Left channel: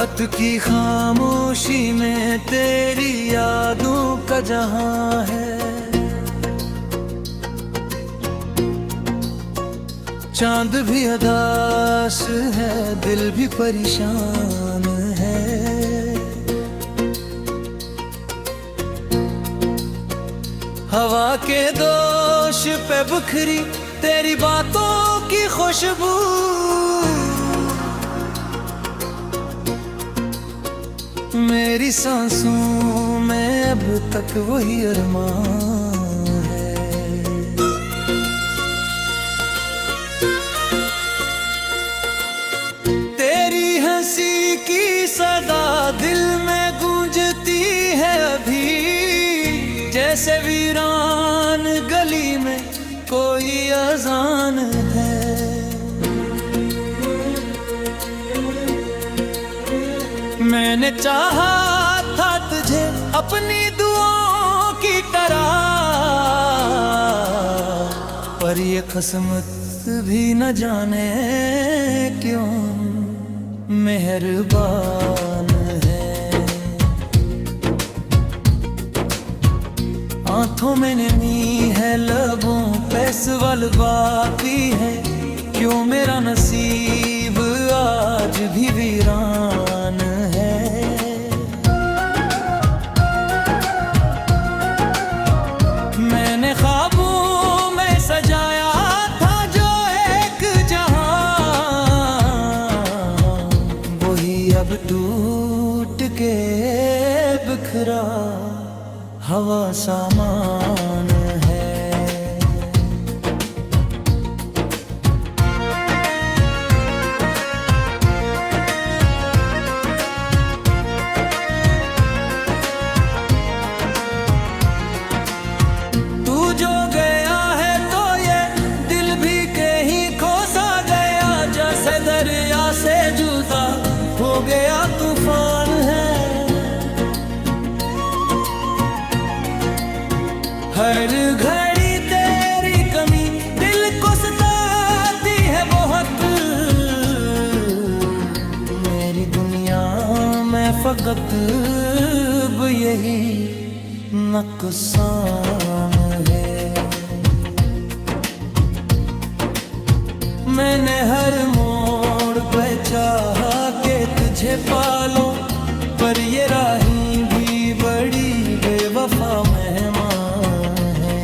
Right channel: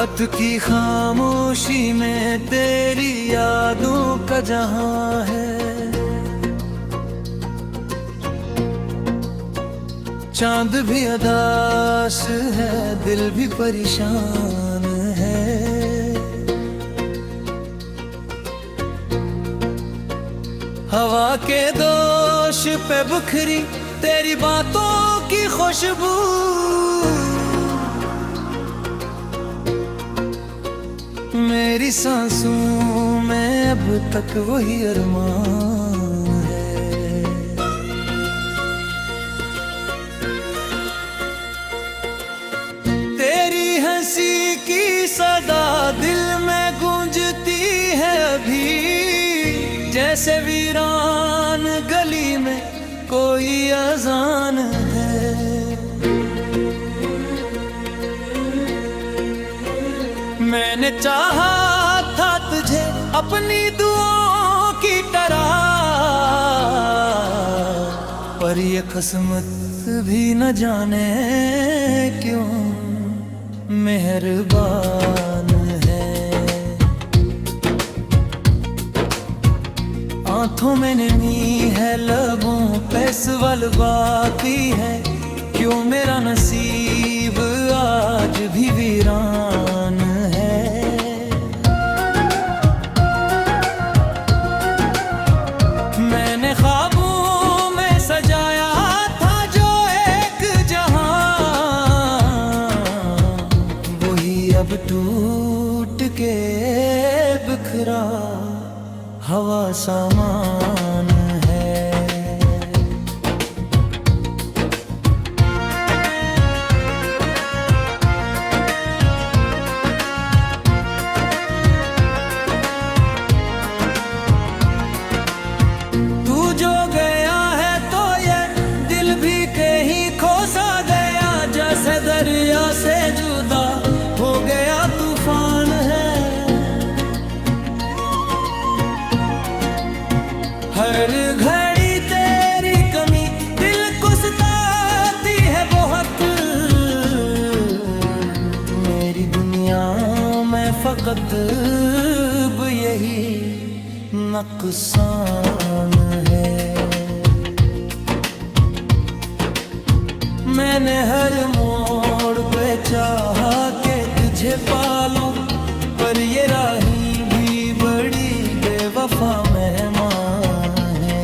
रात की खामोशी में तेरी यादों का जहां है। चांद भी उदास है, दिल भी परेशान है। हवा के दोष पे बिखरी तेरी बातों की खुशबू, मेरी सांसों में अब तक वही अरमान है। तेरी हंसी की सदा दिल में गूंजती है अभी, जैसे वीरान गली में कोई अजान है। मैंने चाहा था तुझे अपनी दुआओं की तरह, पर ये किस्मत भी न जाने क्यों मेहरबान है। आंखों में नमी है, लबों पे सवाल बाकी है, क्यों मेरा नसीब आज भी वीरान है। मैंने ख्वाबों में सजाया था जो एक जहां, वही अब टूट के बिखरा हवा सामान है। जो गया है तो ये दिल भी कहीं खो सा गया, जैसे दरिया से जुदा हो गया तूफान है। हर घड़ी तेरी कमी दिल को सताती है बहुत, मेरी दुनिया में फकत अब यही नुकसान है। मैंने हर मोड़ पे चाहा के तुझे पालूं, पर ये राही भी बड़ी बेवफा मेहमान है।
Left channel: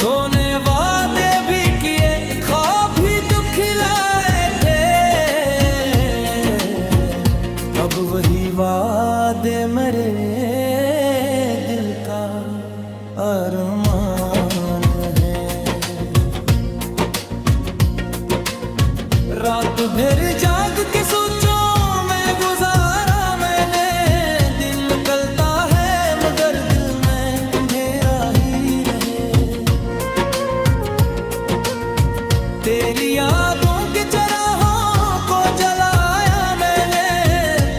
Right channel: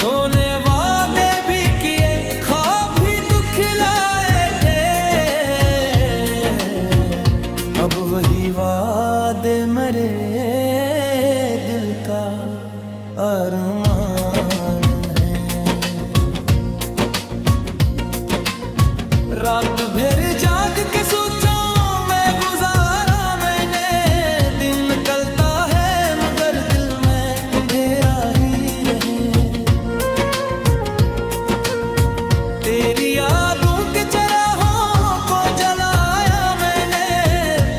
तूने वादे भी किए, ख्वाब भी दुखिलाए थे, अब वही वादे मरे दिल का अरमान है। रात भर जाग के सोचों में गुजारा मैंने, दिन निकलता है मगर दिल में अंधेरा ही रहे। तेरी यादों के चराहों को जलाया मैंने,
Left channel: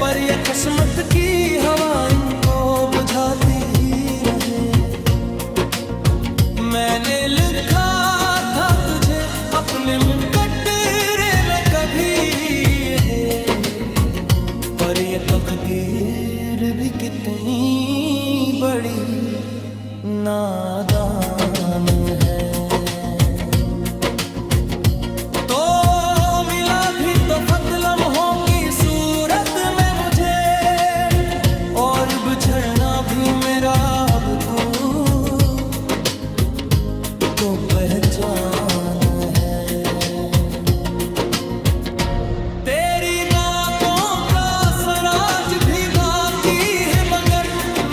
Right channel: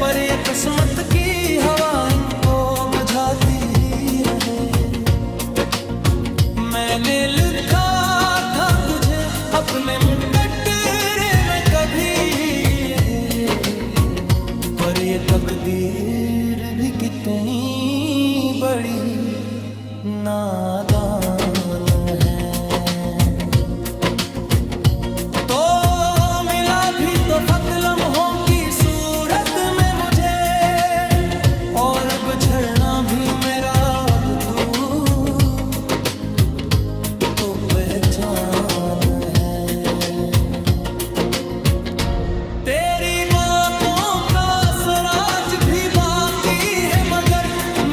पर ये किस्मत की हवा इनको बुझाती ही रहे। मैंने लिखा था तुझे अपने मुकद्दरे में कभी, पर ये तकदीर भी कितनी बड़ी नादान है। तो मिला भी तो फक्त लम्हों की सूरत में मुझे, और बिछड़ना भी मेरा अब तो पहचान है। तेरी बातों का सराज भी बाकी है, मगर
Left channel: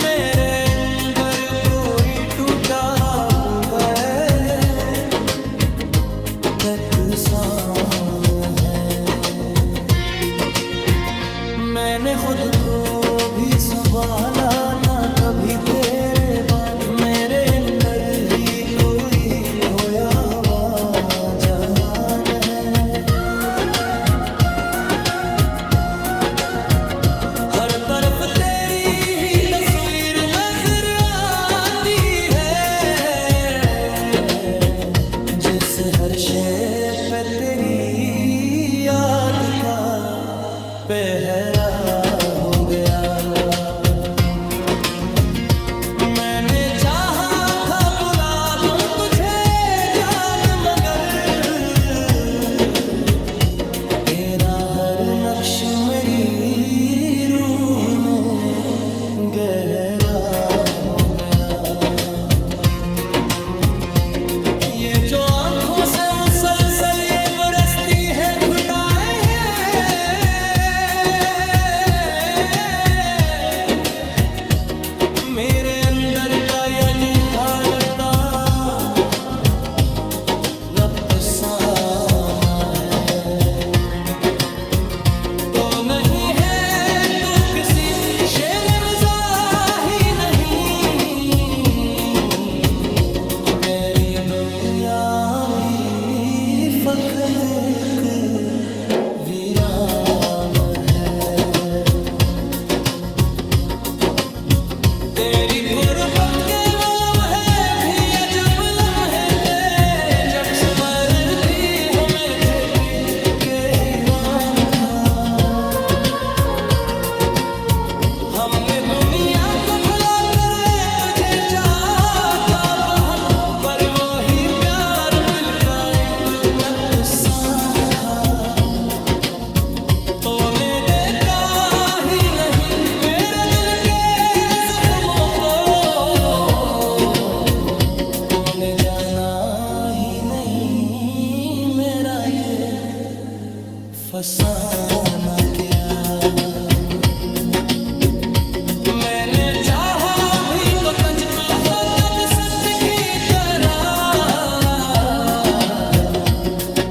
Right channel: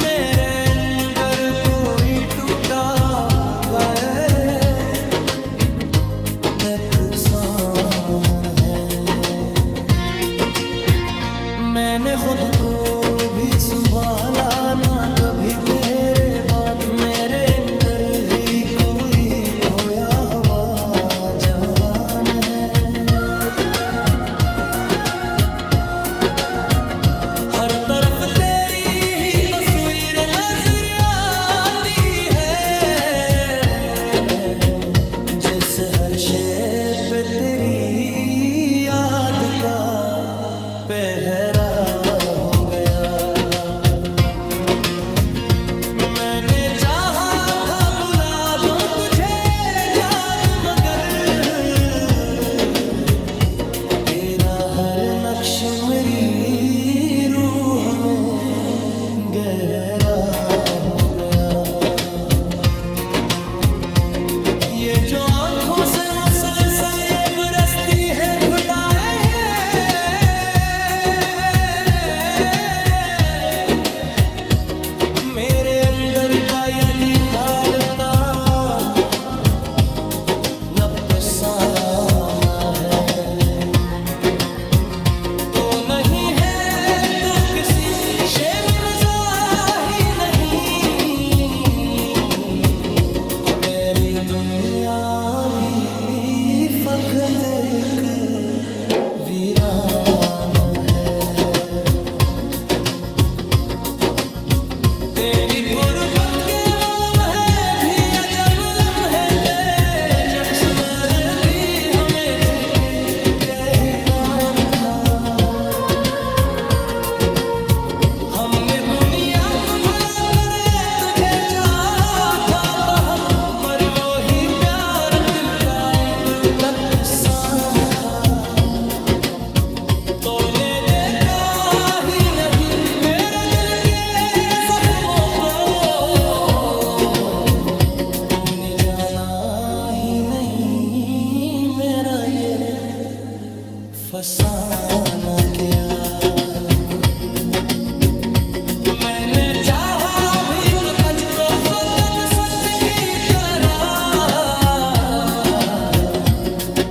मेरे अंदर कोई टूटा होगा नुकसान है। मैंने खुद को भी संभाला ना कभी तेरे बाद, मेरे अंदर ही कोई खोया हुआ जहान है। हर तरफ तेरी ही तस्वीर नजर आती है, जिससे हर फर्शे पे तेरी याद का पहरा हो गया। मैंने चाहा था बुला दूं तुझे जान, मगर तेरा हर नक्श मेरी रूह में गहरा हो गया। ये जो आंखों से मुसलसल ये बरसती है घुटाए मेरे अंदर का यदि हालता नफसाना है, तो नहीं है तू किसी शे में मज़ाही नहीं। तेरी दुनिया भी फकत एक वीरान है। तेरी कुर्बत के वो लम्हे भी अजब लम्हे थे, जब सुमर भी हमें थे के हीरान था। हमने दुनिया को भुला कर तुझे चाहा था बहुत, पर वो ही प्यार दिल का एक नुकसान था। तूने देखा ही नहीं मेरे दिल के जख्मों को, तूने जाना ही नहीं मेरा ये फसाना क्या। मैंने चाहा भी तो तुझको फकत सच की तरह,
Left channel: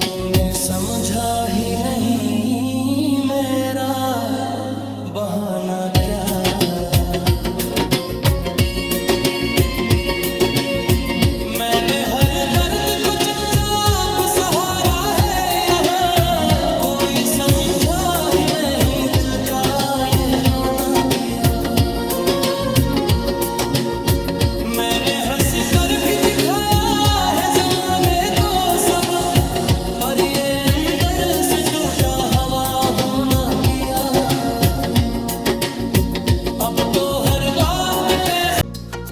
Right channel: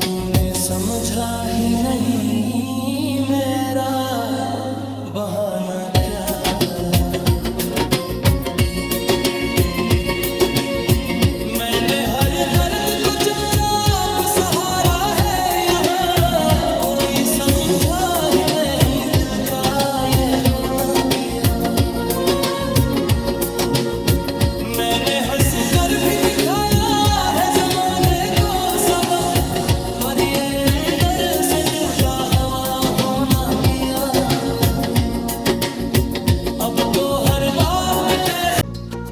तूने समझा ही नहीं मेरा बहाना क्या रहा। मैंने हर दर्द को चुपचाप सहारा है यहाँ, कोई समझा ही नहीं दिल का ये रोना किया। मैंने हंस कर भी दिखाया है जमाने को सबक, पर ये अंदर से टूटा हवा होना किया। अब तो हर बात पे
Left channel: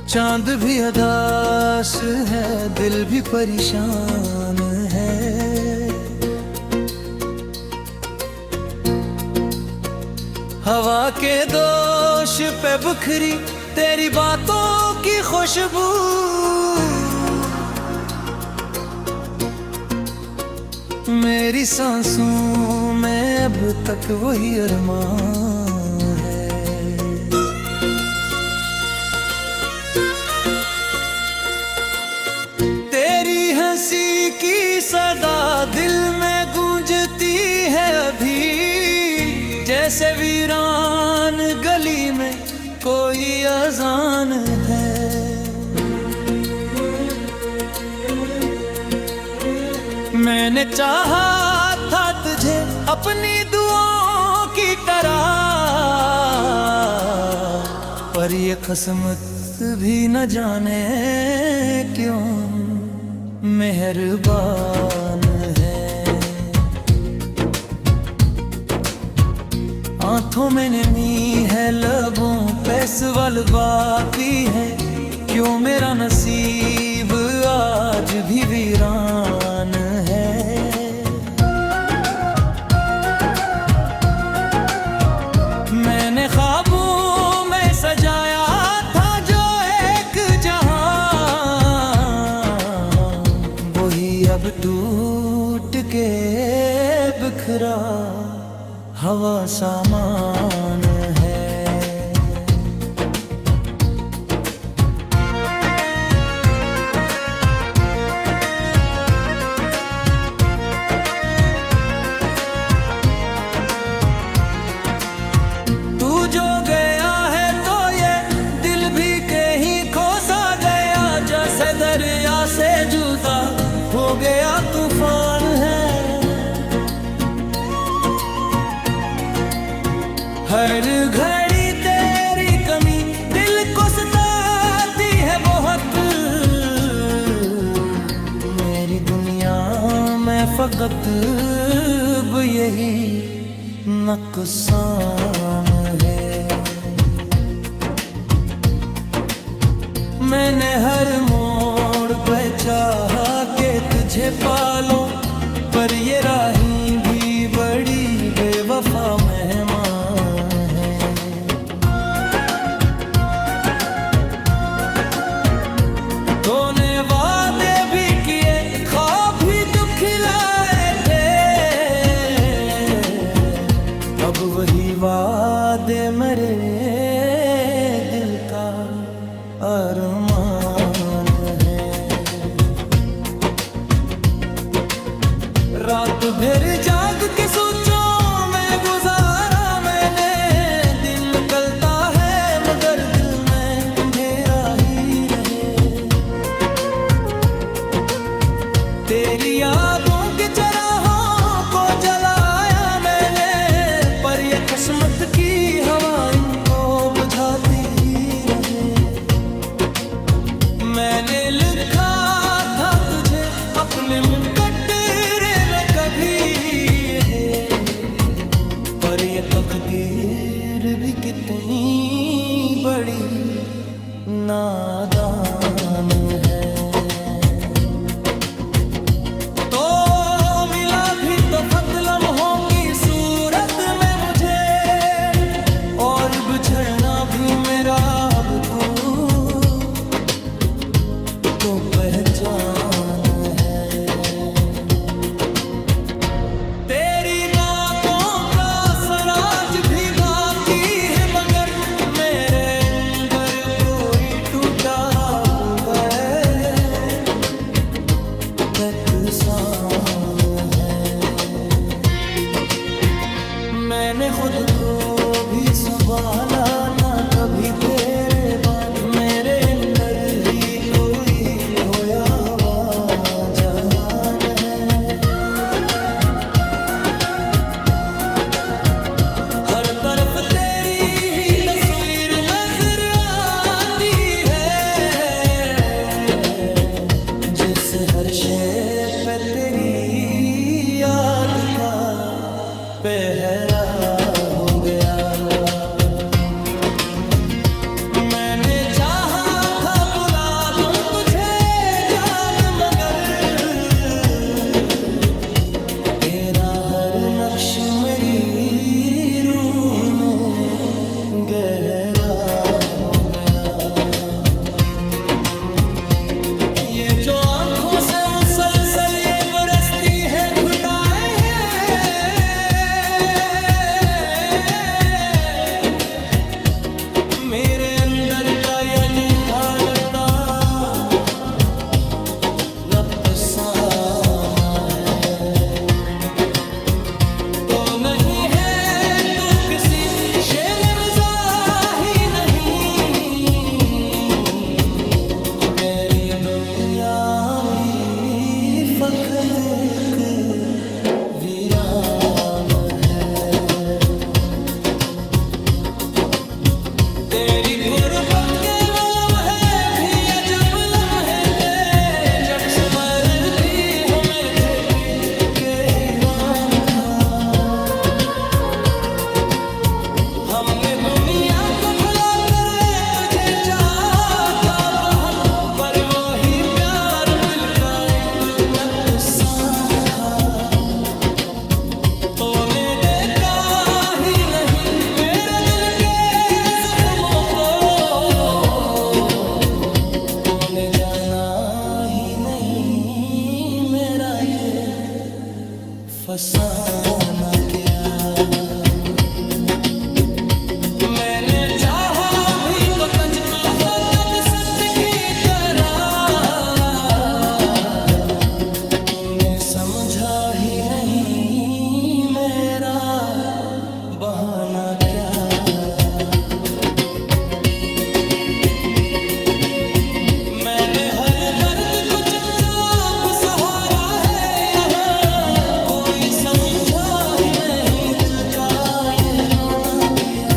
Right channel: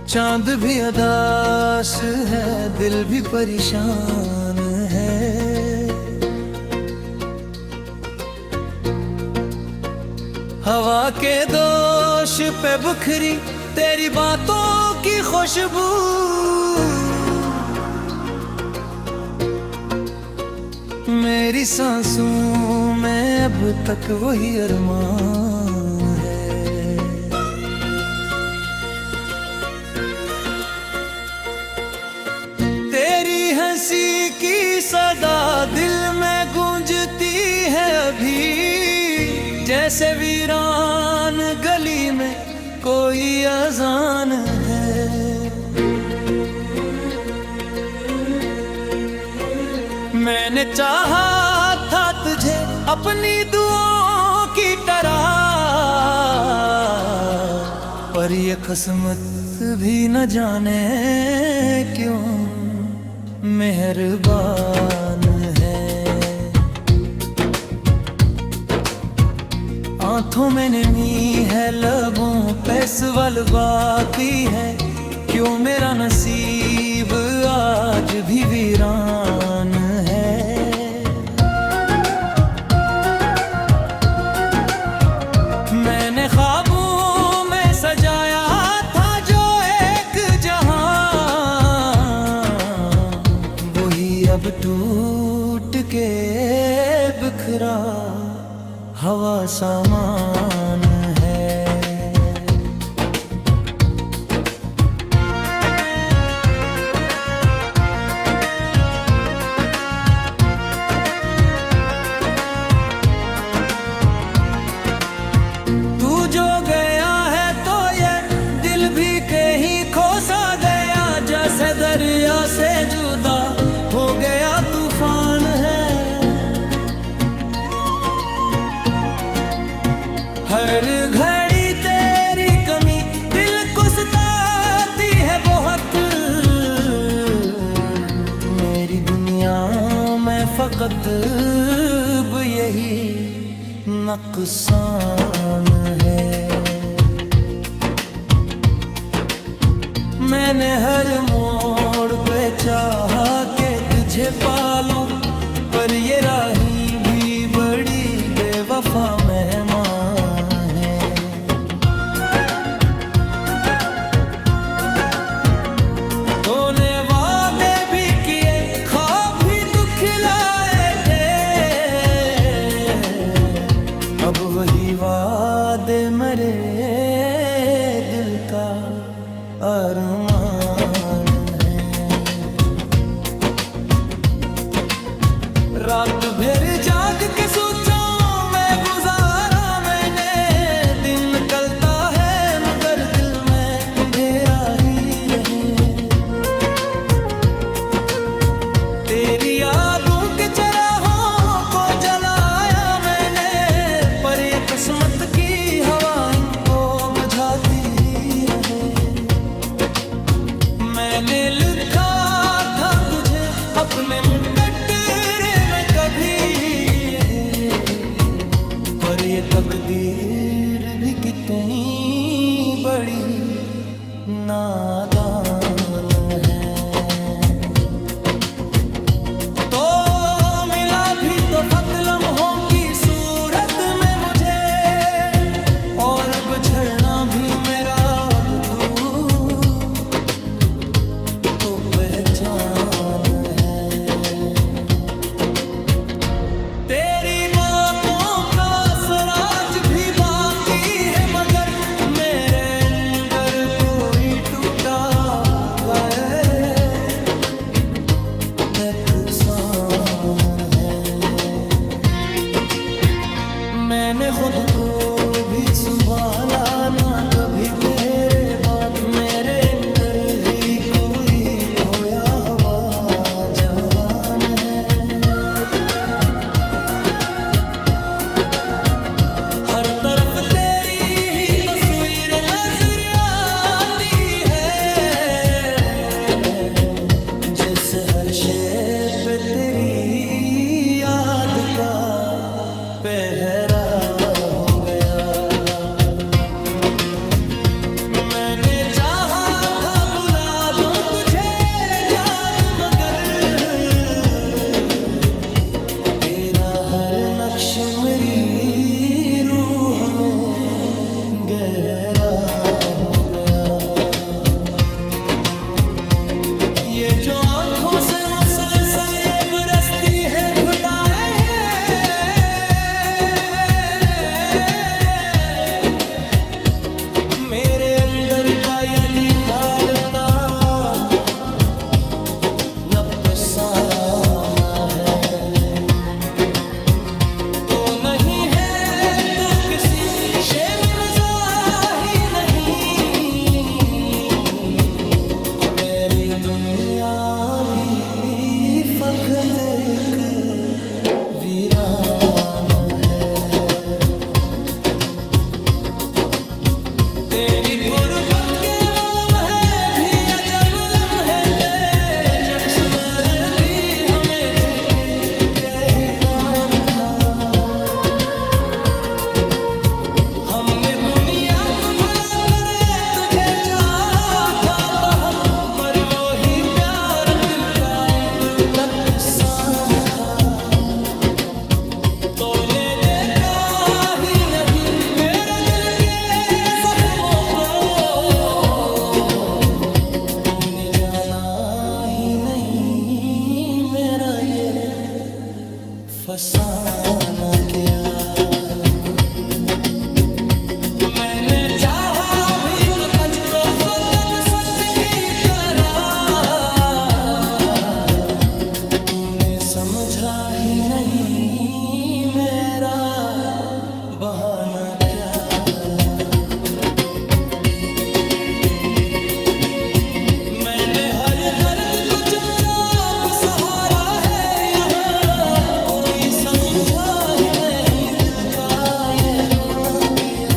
चांद भी उदास है, दिल भी परेशान है। हवा के दोष पे बिखरी तेरी बातों की खुशबू, मेरी सांसों में अब तक वही अरमान है। तेरी हंसी की सदा दिल में गूंजती है अभी, जैसे वीरान गली में कोई अजान है। मैंने चाहा था तुझे अपनी दुआओं की तरह, पर ये किस्मत भी न जाने क्यों मेहरबान है। आंखों में नमी है, लबों पे सवाल बाकी है, क्यों मेरा नसीब आज भी वीरान है। मैंने ख्वाबों में सजाया था जो एक जहां, वही अब टूट के बिखरा हवा सामान है। जो गया है तो ये दिल भी कहीं खो सा गया, जैसे दरिया से जुदा हो गया तूफान है। हर घड़ी तेरी कमी दिल को सताती है बहुत, मेरी दुनिया दुनिया में फकत यही नुकसान है। मैंने हर मोड़ पे चाहा के तुझे पालूं, पर ये राही भी बड़ी बेवफा मेहमान है। तूने वादे भी किए, ख्वाब भी दुखिलाए थे, अब वही वादे मेरे दिल का अरमान है। रात भर जाग के सोचों में गुजारा मैंने, दिन निकलता है मगर दिल में अंधेरा ही रहे। तेरी यादों के चराहों को जलाया मैंने, पर ये किस्मत की हवा इनको बुझाती ही रहे। मैंने लिखा था तुझे अपने मुकद्दरे में कभी, पर ये तकदीर भी कितनी बड़ी नादान है। तो मिला भी तो फक्त लम्हों की सूरत में मुझे, और बिछड़ना भी मेरा अब तू को पहचान है। तेरी बातों का सराज भी बाकी है, मगर मेरे अंदर कोई टूटा होगा नुकसान है। मैंने खुद को भी संभाला ना कभी तेरे बाद, मेरे अंदर ही कोई खोया हुआ जहान है। हर तरफ तेरी ही तस्वीर नजर आती है, जैसे हर शे पे तेरी याद का पहरा हो गया। मैंने चाहा था बुला दूं तुझे जान, मगर तेरा हर नक्श मेरी रूह में गहरा हो गया। ये जो आंखों से मुसलसल ये बरसती है घुटाए हैं, मेरे अंदर का यदि हाल था अफसाना है। तो नहीं है तू किसी शे में मज़ाही नहीं, तेरी दुनिया भी फकत एक वीरान है। तेरी कुर्बत के वो लम्हे भी अजब लम्हे थे, जब सुमर भी हमें थे के हीरान था। हमने दुनिया को भुला कर तुझे चाहा था बहुत, पर वो ही प्यार दिल का एक नुकसान था। तूने देखा ही नहीं मेरे दिल के जख्मों को, तूने जाना ही नहीं मेरा ये फसाना क्या। मैंने चाहा भी तो तुझको फकत सच की तरह, तूने समझा ही नहीं मेरा बहाना क्या रहा। मैंने हर दर्द को चुपचाप सहारा है यहाँ, कोई समझा ही नहीं दिल का ये रोना किया।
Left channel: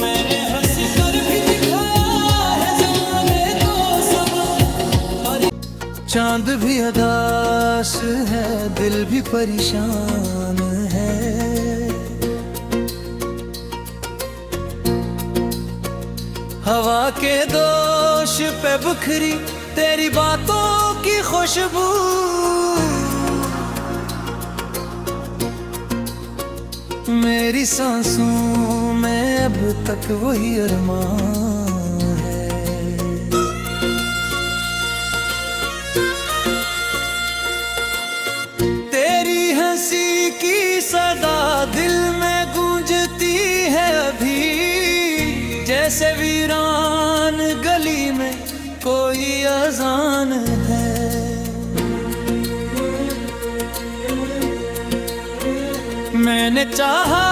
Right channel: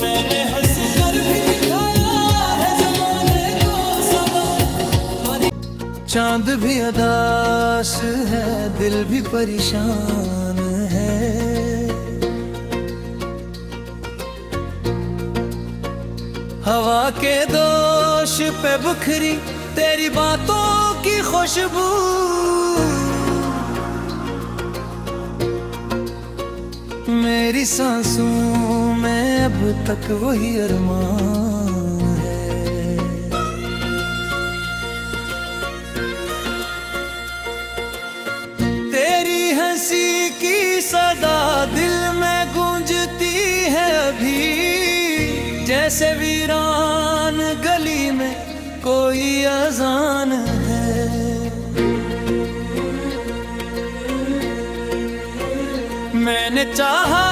मैंने हंस कर भी दिखाया है जमाने को सबक, पर चांद भी उदास है, दिल भी परेशान है। हवा के दोष पे बिखरी तेरी बातों की खुशबू, मेरी सांसों में अब तक वही अरमान है। तेरी हंसी की सदा दिल में गूंजती है अभी, जैसे वीरान गली में कोई अजान है। मैंने चाहा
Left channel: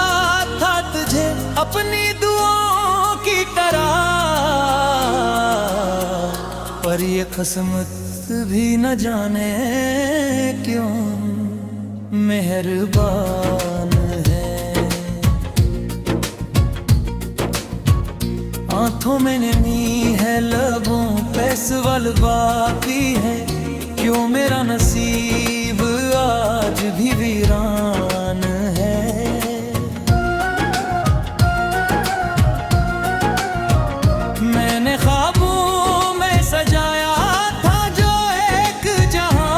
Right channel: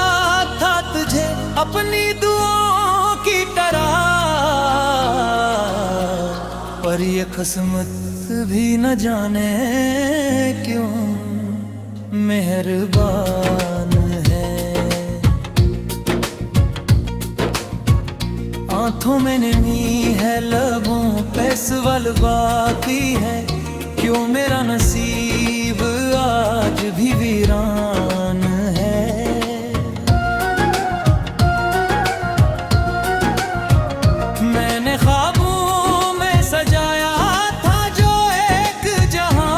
था तुझे अपनी दुआओं की तरह, पर ये किस्मत भी न जाने क्यों मेहरबान है। आंखों में नमी है, लबों पे सवाल बाकी है, क्यों मेरा नसीब आज भी वीरान है। मैंने ख्वाबों में सजाया था जो एक जहां,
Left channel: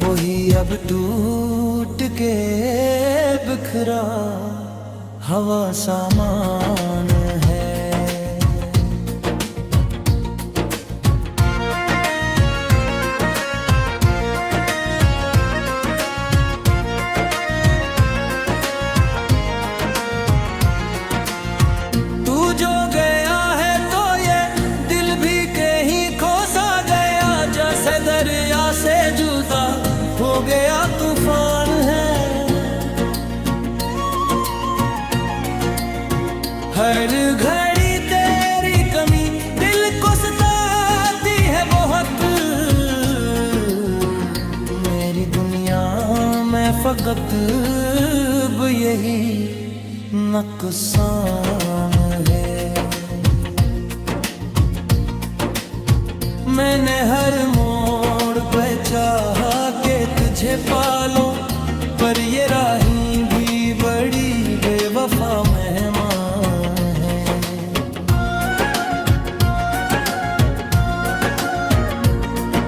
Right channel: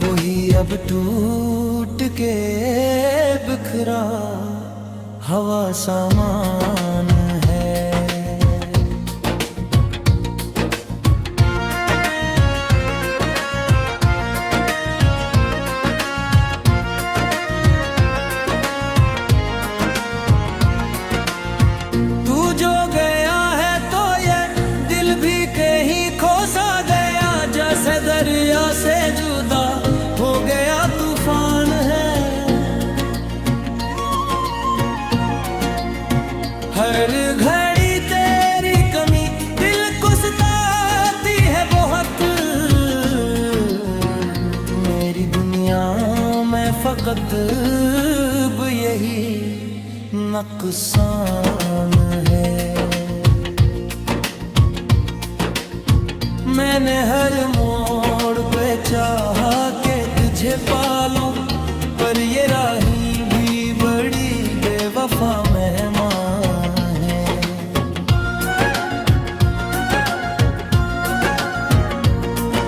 वही अब टूट के बिखरा हवा सामान है। जो गया है तो ये दिल भी कहीं खो सा गया, जैसे दरिया से जुदा हो गया तूफान है। हर घड़ी तेरी कमी दिल को सताती है बहुत, मेरी दुनिया में फकत अब यही नुकसान है। मैंने हर मोड़ पे चाहा के तुझे पालूं, पर ये राही भी बड़ी बेवफा मेहमान है।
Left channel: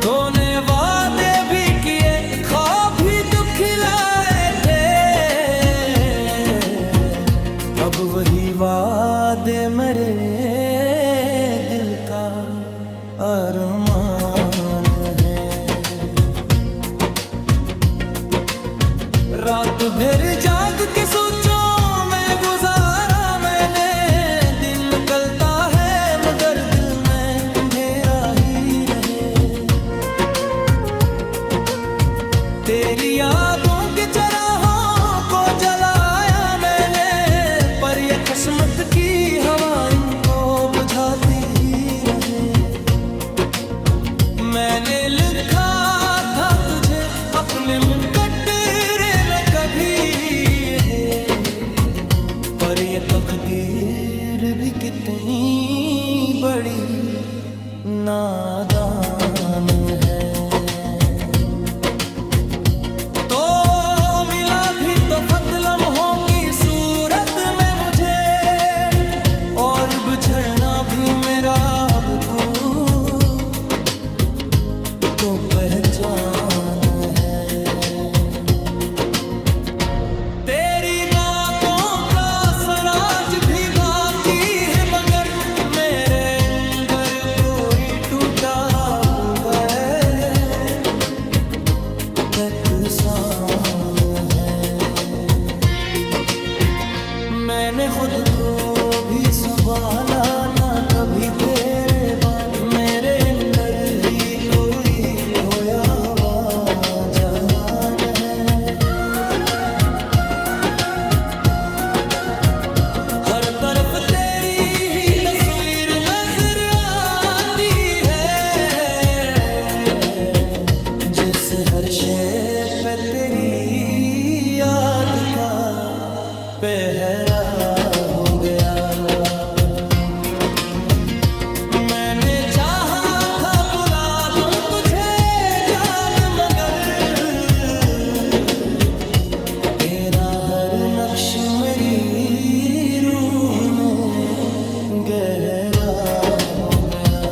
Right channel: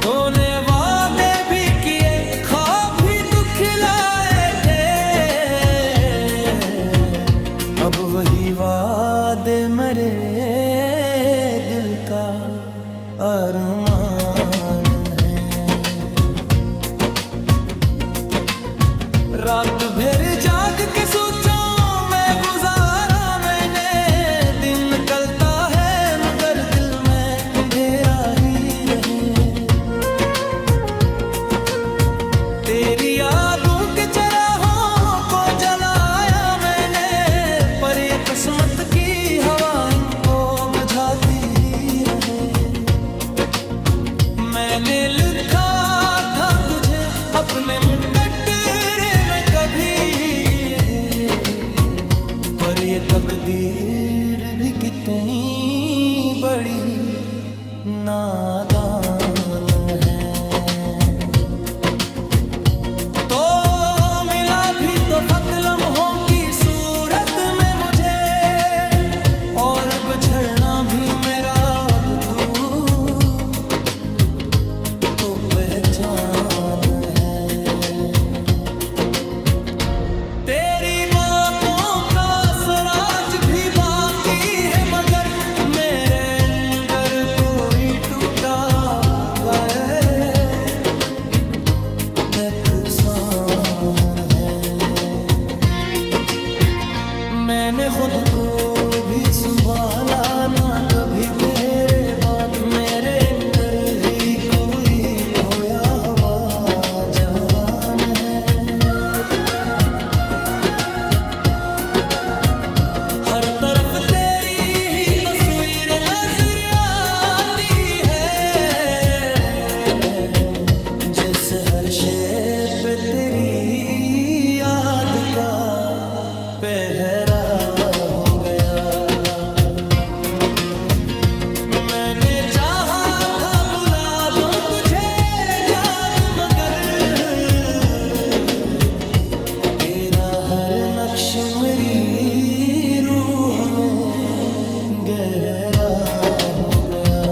तूने वादे भी किए, ख्वाब भी दुखिलाए थे, अब वही वादे मरे दिल का अरमान है। रात भर जाग के सोचों में गुजारा मैंने, दिन निकलता है मगर दिल में अंधेरा ही रहे। तेरी यादों के चराहों को जलाया मैंने, पर ये किस्मत की हवा इनको बुझाती ही रहे। मैंने लिखा था तुझे अपने मुकद्दरे में कभी, पर ये तकदीर भी कितनी बड़ी नादान है। तो मिला भी तो फक्त लम्हों की सूरत में मुझे, और बिछड़ना भी मेरा अब तो पहचान है। तेरी बातों का सराज भी बाकी है, मगर मेरे अंदर कोई टूटा होगा नुकसान है। मैंने खुद को भी संभाला ना कभी तेरे बाद, मेरे अंदर ही कोई खोया हुआ जहान है। हर तरफ तेरी ही तस्वीर नजर आती है, जिस हर शे पे तेरी याद का पहरा हो गया। मैंने चाहा था नक्श मेरी रूह में गहरा हो गया।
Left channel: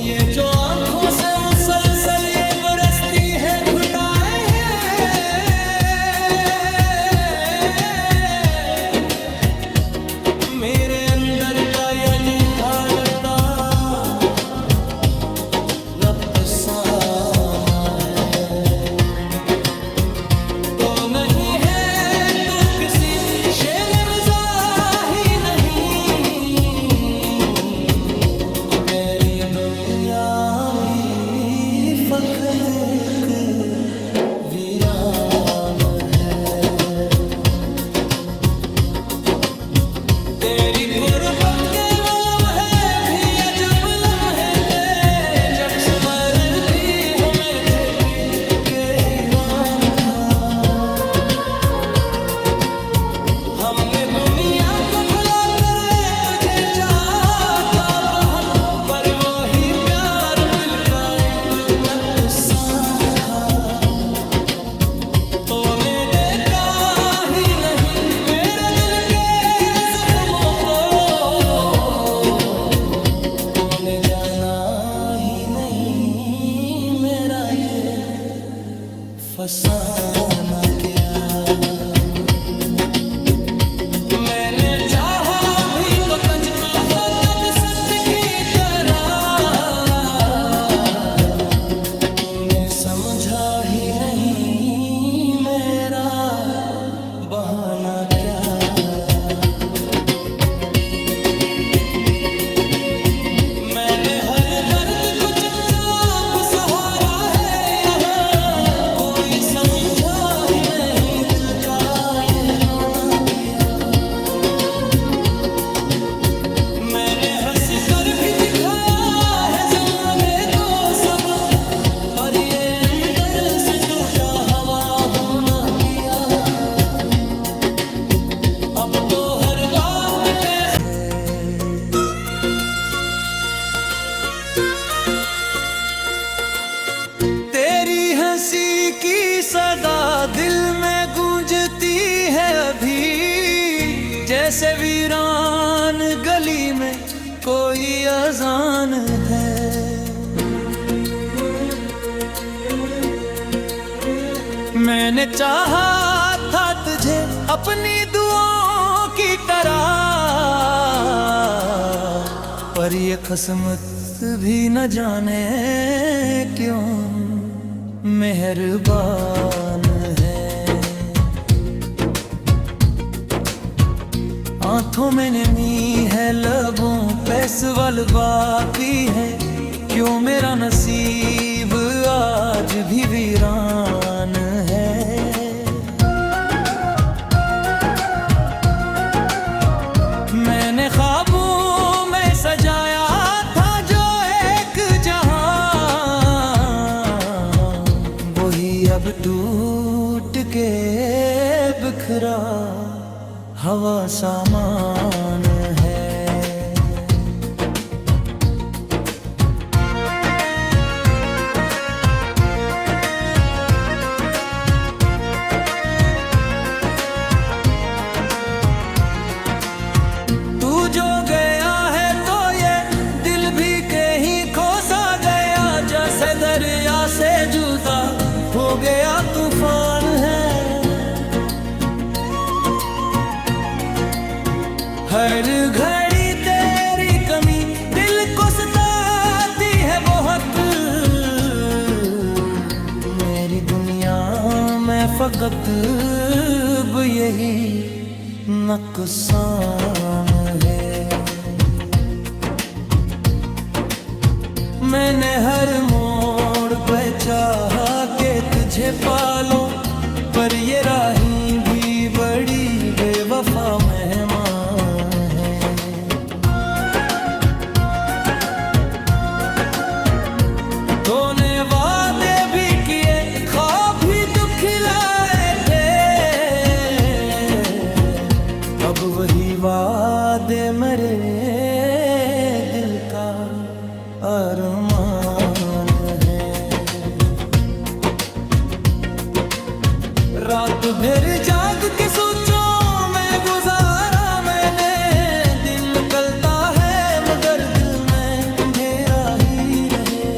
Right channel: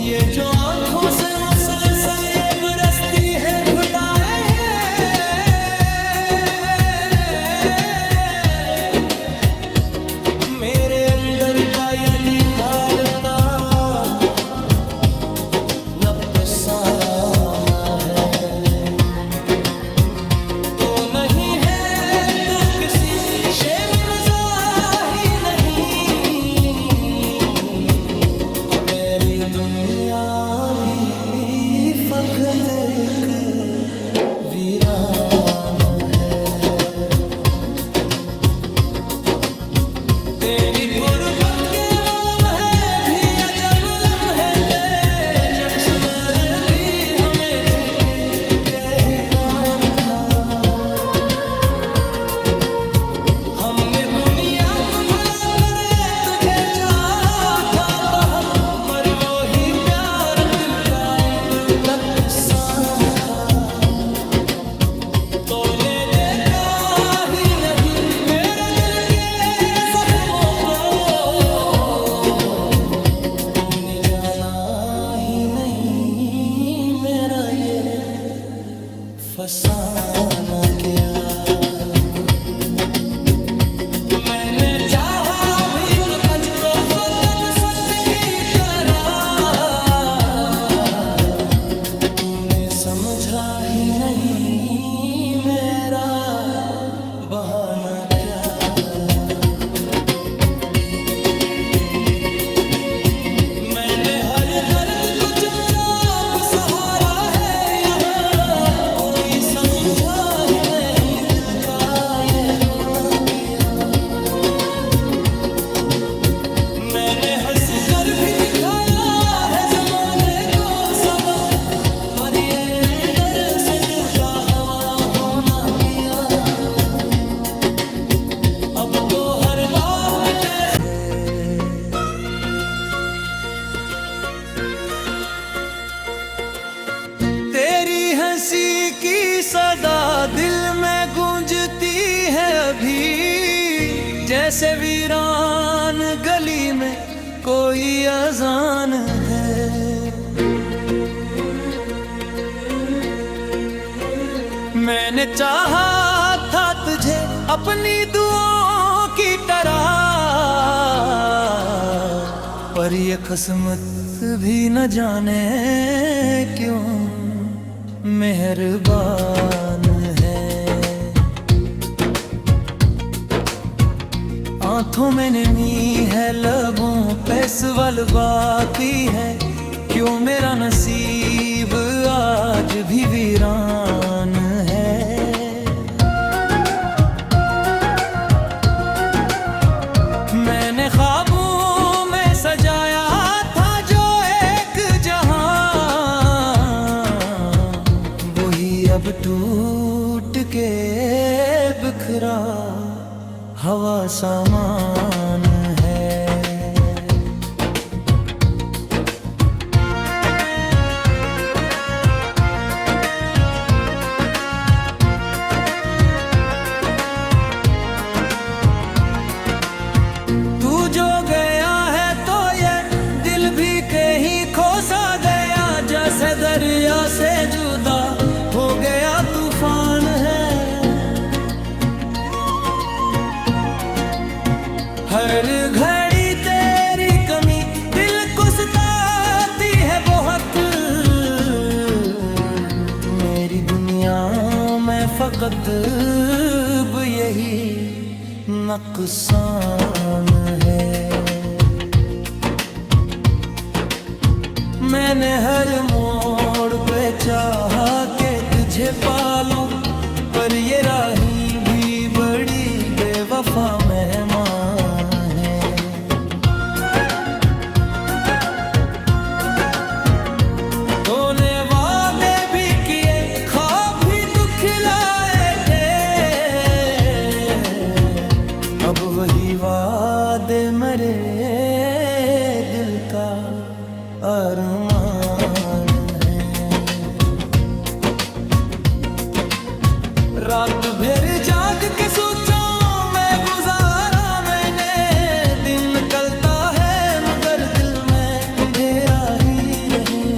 ये जो आंखों से मुसलसल ये बरसती है घुटाए मेरे अंदर का यदि हाल था अफसाना है तो नहीं है तू किसी शेर में मज़ाही नहीं। तेरी दुनिया भी फकत एक वीरान है। तेरी कुर्बत के वो लम्हे भी अजब लम्हे थे जब सुमर भी हमें थे के हीरान था। हमने दुनिया को भुला कर तुझे चाहा था बहुत, पर वो ही प्यार दिल का एक नुकसान था। तूने देखा ही नहीं मेरे दिल के जख्मों को, तूने जाना ही नहीं मेरा ये फसाना क्या। मैंने चाहा भी तो तुझको फकत सच की तरह, तूने समझा ही नहीं मेरा बहाना क्या रहा। मैंने हर दर्द को चुपचाप सहारा है यहाँ, कोई समझा ही नहीं दिल का ये रोना किया। मैंने हंस कर भी दिखाया है जमाने को सबक, पर ये अंदर से टूटा हवा होना किया। अब तो हर बात पे तेरी हंसी की सदा दिल में गूंजती है अभी, जैसे वीरान गली में कोई अजान है। मैंने चाहा था तुझे अपनी दुआओं की तरह, पर ये किस्मत भी न जाने क्यों मेहरबान है। आंखों में नमी है लबों पे सवाल बाकी है, क्यों मेरा नसीब आज भी वीरान है। मैंने ख्वाबों में सजाया था जो एक जहां, वही अब टूट के बिखरा हवा सामान है। तू जो गया है तो ये दिल भी कहीं खो सा गया, जैसे दरिया से जुदा हो गया तूफान है। हर घड़ी तेरी कमी दिल को सताती है बहुत, मेरी दुनिया में फकत यही नुकसान है। मैंने हर मोड़ पे चाहा के तुझे पालूं, पर ये राही भी बड़ी बेवफा मेहमान है। तूने वादे भी किए ख्वाब भी दुखिलाए थे, अब वही वादे मरे दिल का अरमान है। रात भर जाग के सोचों में गुजारा मैंने, दिन निकलता है मगर दिल में अंधेरा ही रहे।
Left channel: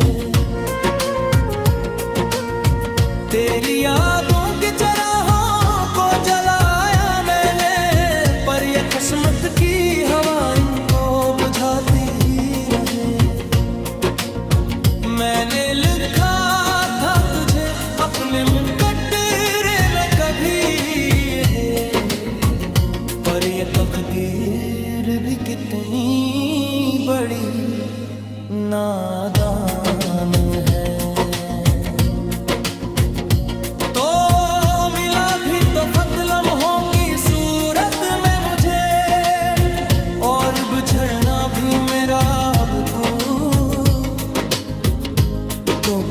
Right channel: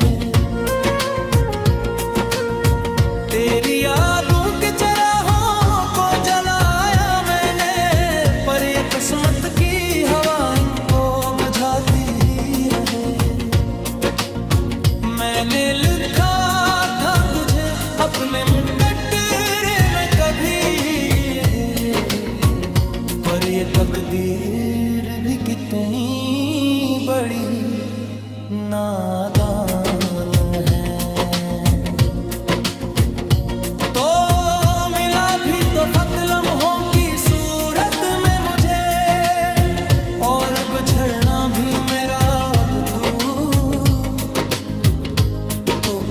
तेरी यादों के चराहों को जलाया मैंने, पर ये किस्मत की हवा इनको बुझाती ही रहे। मैंने लिखा था तुझे अपने मुकद्दरे में कभी, पर ये तकदीर भी कितनी बड़ी नादान है। तो मिला भी तो फक्त लम्हों की सूरत में मुझे, और बिछड़ना भी मेरा अब तो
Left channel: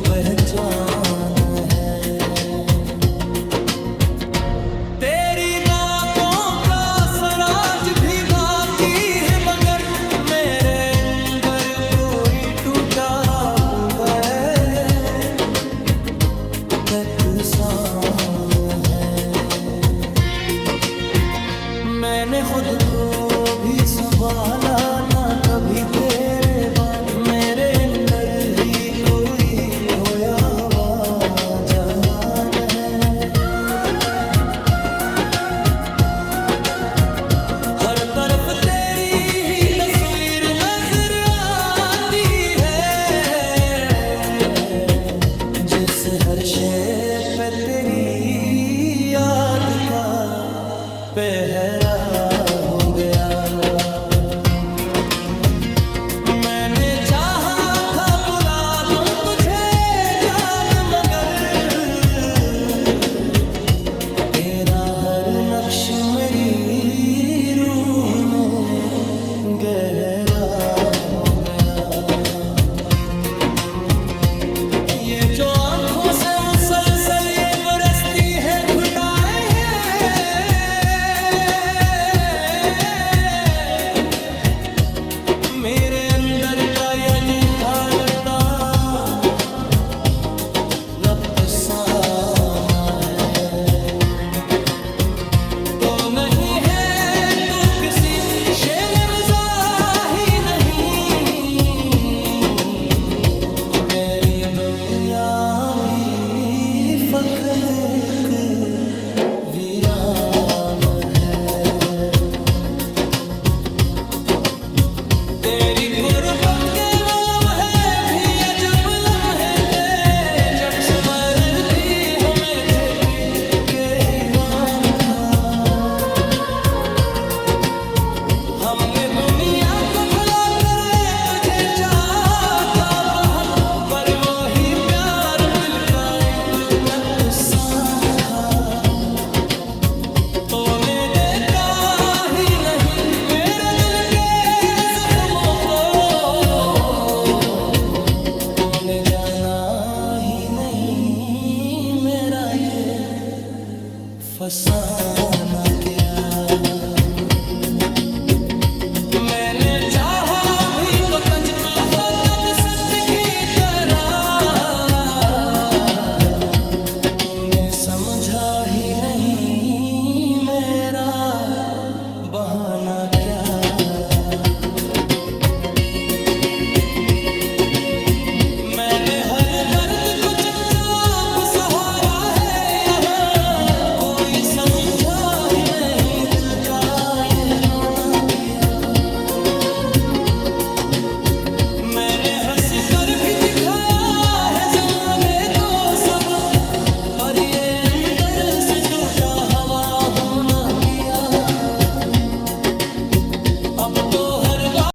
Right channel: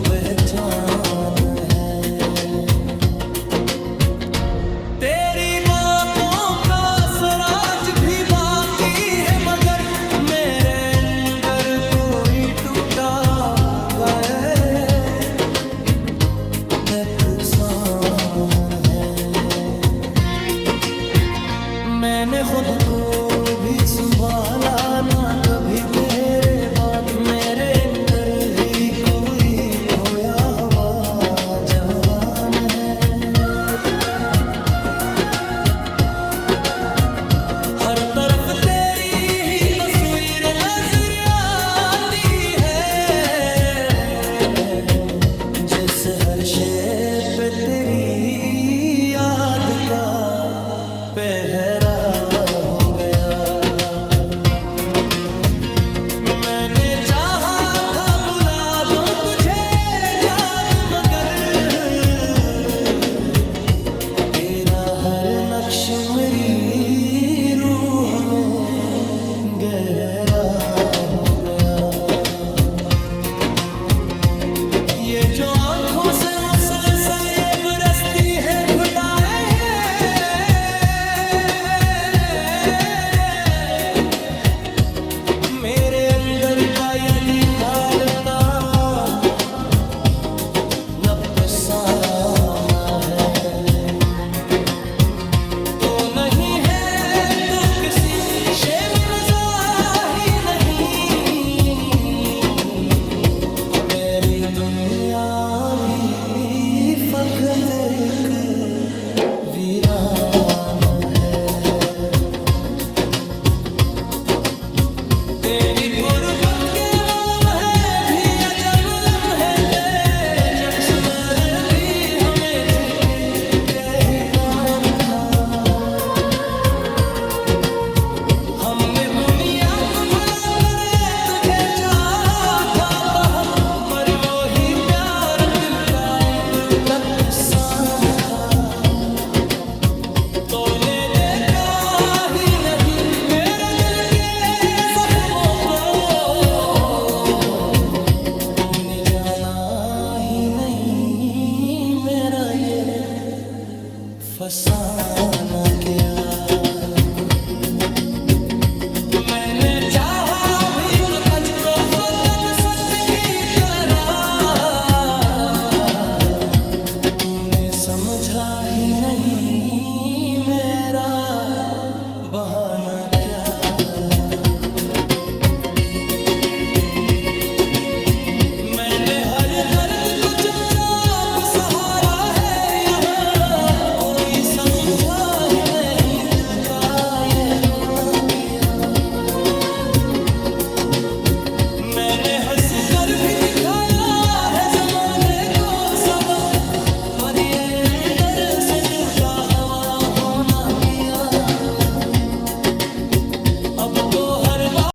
पहचान है। तेरी बातों का सराज भी बाकी है, मगर मेरे अंदर कोई टूटा होगा एहसान है। मैंने खुद को भी संभाला ना कभी तेरे बाद, मेरे अंदर ही कोई खोया हुआ जहान है। हर तरफ तेरी ही तस्वीर नजर आती है, जिससे हर शेर पे तेरी याद का पहरा हो गया। मैंने चाहा था बुला दूं तुझे जान, मगर तेरा हर नक्श मेरी रूह में गहरा हो गया। ये जो आंखों से मुसलसल ये बरसती है घुटाए हैं, मेरे अंदर का यदि हाल था अफसाना है। तो नहीं है तू किसी शे में मज़ाही नहीं, तेरी दुनिया भी फकत एक वीरान है। तेरी कुर्बत के वो लम्हे भी अजब लम्हे थे, जब सुमर भी हमें थे के हीरान था। हमने दुनिया को भुला कर तुझे चाहा था बहुत, पर वो ही प्यार दिल का एक नुकसान था। तूने देखा ही नहीं मेरे दिल के जख्मों को, तूने जाना ही नहीं मेरा ये फसाना क्या। मैंने चाहा भी तो तुझको फकत सच की तरह, तूने समझा ही नहीं मेरा बहाना क्या रहा। मैंने हर दर्द को चुपचाप सहारा है यहाँ, कोई समझा ही नहीं दिल का ये रोना किया। मैंने हंस कर भी दिखाया है जमाने को सबक, पर ये अंदर से टूटा